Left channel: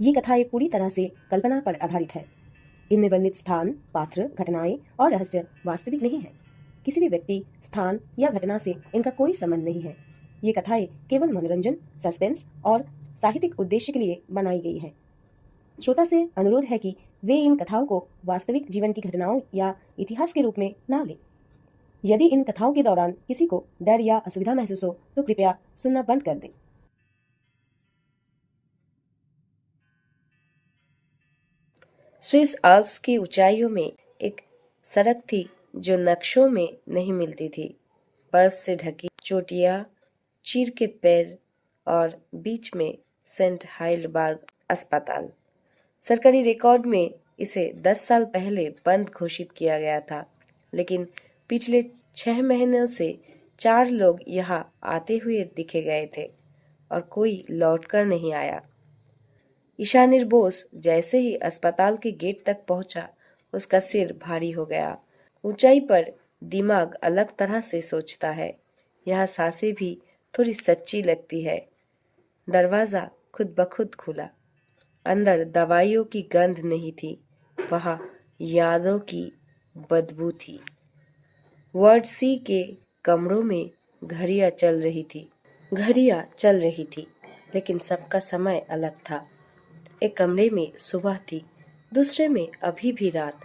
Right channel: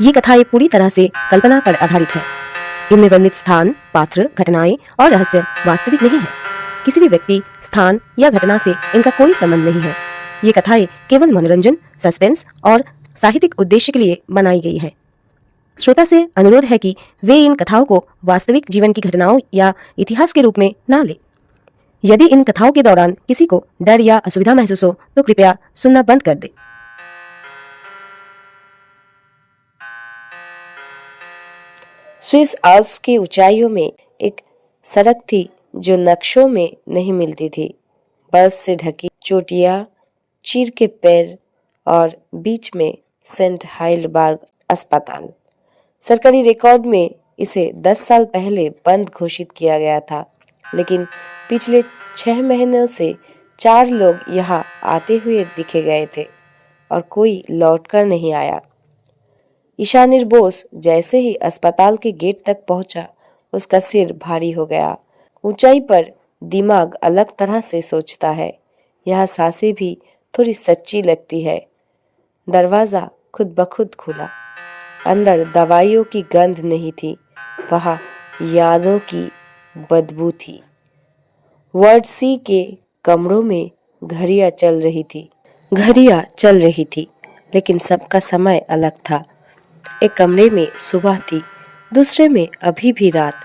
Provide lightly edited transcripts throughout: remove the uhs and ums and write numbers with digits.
ये कथाएं पूरी तरह से कल्पना पर आधारित है। इनमें वर्णित स्थान, पात्र, घटनाएं और रहस्य वास्तविक नहीं है। किसी भी व्यक्ति, स्थान या घटना से इनका कोई संबंध नहीं है। ये कथाएं केवल मनोरंजन, सस्पेंस और साहित्यिक उद्देश्य के लिए बनाई गई है। श्रोता से अनुरोध है कि वे इन कथाओं को वास्तविक जीवन की घटनाओं या इतिहास के रूप में ना ले। यदि इन कथाओं के दौरान किसी को डर या असुविधा महसूस हो तो कृपया सुनना बंद कर दे। स्विस आल्प्स की ऊंचाइयों में एक सड़क थी जो नक्शों में नहीं मिलती थी। बर्फ से ढकी चोटियां, चीर के पेड़ और बीच में सेंट हाइलबर्ग अस्पताल। सरकारी रिकॉर्ड में इसे 10 साल पहले बंद घोषित किया गया था, लेकिन पिछले 6 महीनों से 4 लोग यहाँ आते हुए दिखे गए थे और कोई लौटकर नहीं आया। ईशानीर बोस जैसे ही अस्पताल के गेट तक पहुंचा, उसका सिर भारी हो गया। ऊंचाई पर दिमाग अलग तरह से सोचता है। यह सांसें भी थोड़ी सच्ची लगती है। दरवाजा खुद ब खुद खुला। अंदर दवाइयों की गंध नहीं थी, वहां यादों की बदबू थी। वार्ड सी के कमरों में घड़ियां चल रही थी, लेकिन सबका समय अलग था। एक कमरे में सुबह थी, दूसरे में अभी भी रात।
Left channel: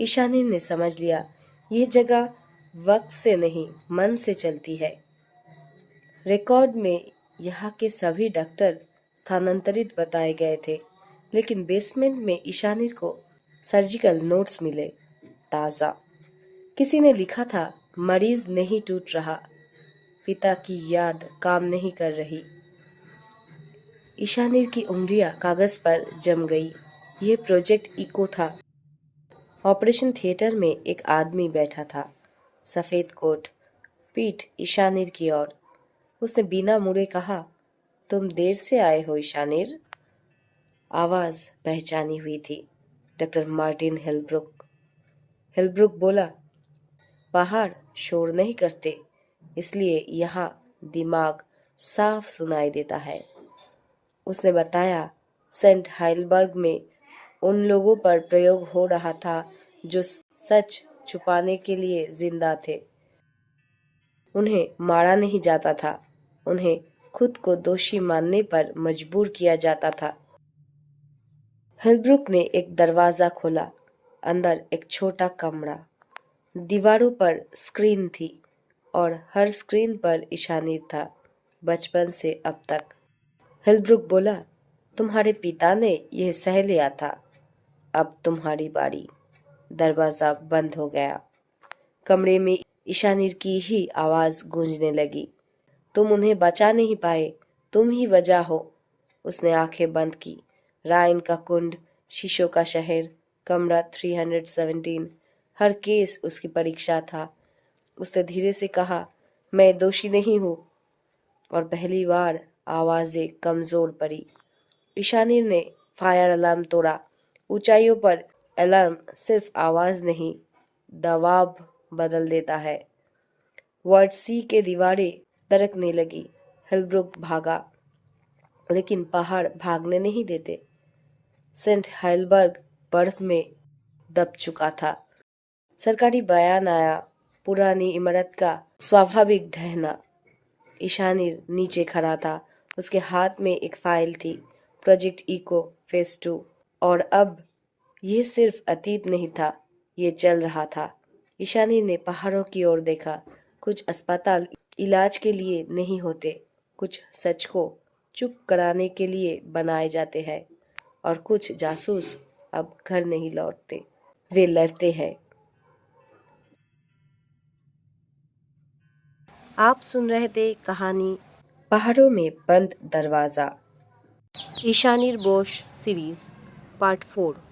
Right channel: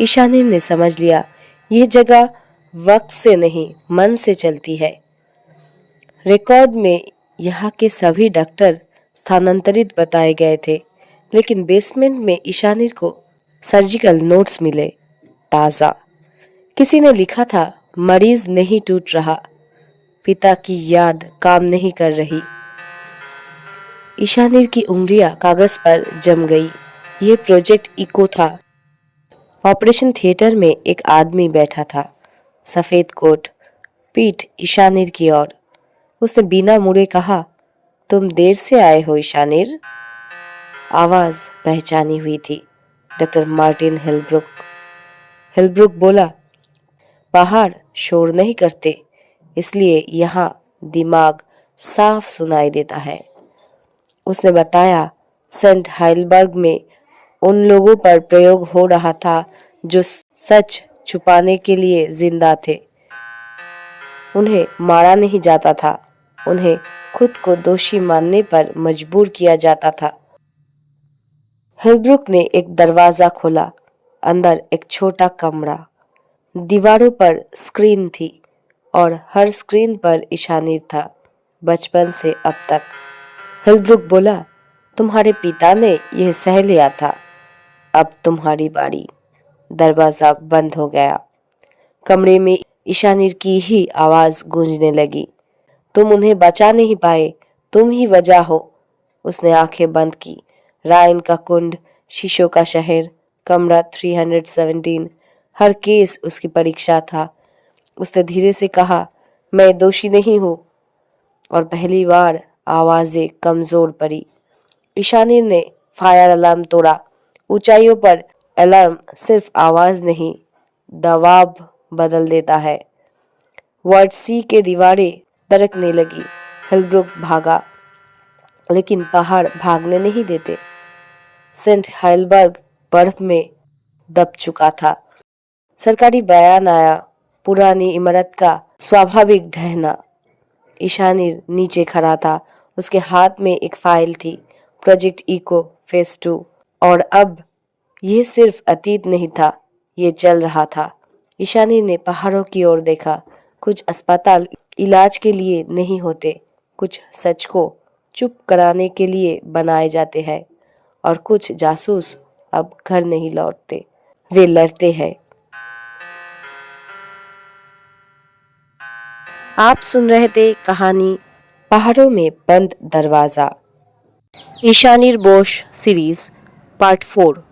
ईशानीर ने समझ लिया, ये जगह वक्त से नहीं, मन से चलती है। रिकॉर्ड में यहाँ के सभी डॉक्टर स्थानांतरित बताए गए थे, लेकिन बेसमेंट में ईशानीर को सर्जिकल नोट्स मिले, ताज़ा। किसी ने लिखा था, मरीज नहीं टूट रहा, पिता की याद काम नहीं कर रही। ईशानीर की उंगलियां कागज पर जम गई। ये प्रोजेक्ट इको था। ऑपरेशन थिएटर में एक आदमी बैठा था, सफेद कोट, पीठ ईशानीर की ओर। उसने बिना मुड़े कहा, तुम देर से आए हो ईशानीर। आवाज पहचानी हुई थी, डॉक्टर मार्टिन हेलब्रुक। हेलब्रुक बोला, बाहर शोर नहीं करते, इसलिए यहाँ दिमाग साफ सुनाई देता है। उसने बताया, सेंट हाइलबर्ग में उन लोगों पर प्रयोग हो रहा था जो सच छुपाने के लिए जिंदा थे। उन्हें मारा नहीं जाता था, उन्हें खुद को दोषी मानने पर मजबूर किया जाता था। हेलब्रुक ने एक दरवाजा खोला। अंदर एक छोटा कमरा। दीवारों पर स्क्रीन थी और हर स्क्रीन पर ईशानीर था, बचपन से अब तक। हेलब्रुक बोला, तुम्हारे पिता ने यह सह लिया था, अब तुम्हारी बारी। दरवाजा बंद हो गया। कमरे में ईशानीर की ही आवाज गूंजने लगी, तुम उन्हें बचा नहीं पाए, तुम ही वजह हो। उसने आंखें बंद की। रायन का कुंड, शीशों का शहर, कमरा 317, हर केस उसकी परीक्षा था। उसने धीरे से कहा, मैं दोषी नहीं हूं। और पहली बार आवाजें कमजोर पड़ी। ईशानीर ने फायर अलार्म तोड़ा। ऊंचाइयों पर अलार्म सिर्फ आवाज नहीं, दबाव बदल देता है। वार्ड सी के दीवारें दरकने लगी। हेलब्रुक भागा, लेकिन पहाड़ भागने नहीं देते। सेंट हाइलबर्ग बर्फ में दब चुका था। सरकारी बयान आया, पुरानी इमारत का स्वाभाविक ढहना। ईशानीर नीचे खड़ा था। उसके हाथ में एक फाइल थी, प्रोजेक्ट इको फेज 2। और अब यह सिर्फ अतीत नहीं था, ये चल रहा था। ईशानीर ने पहाड़ों की ओर देखा। कुछ अस्पताल इलाज के लिए नहीं होते, कुछ सच को चुप कराने के लिए बनाए जाते हैं, और कुछ जासूस अब घर नहीं लौटते, वे लड़ते हैं। आप सुन रहे थे कहानी पहाड़ों में बंद दरवाजा, ईशानीर बोस सीरीज पार्ट 4।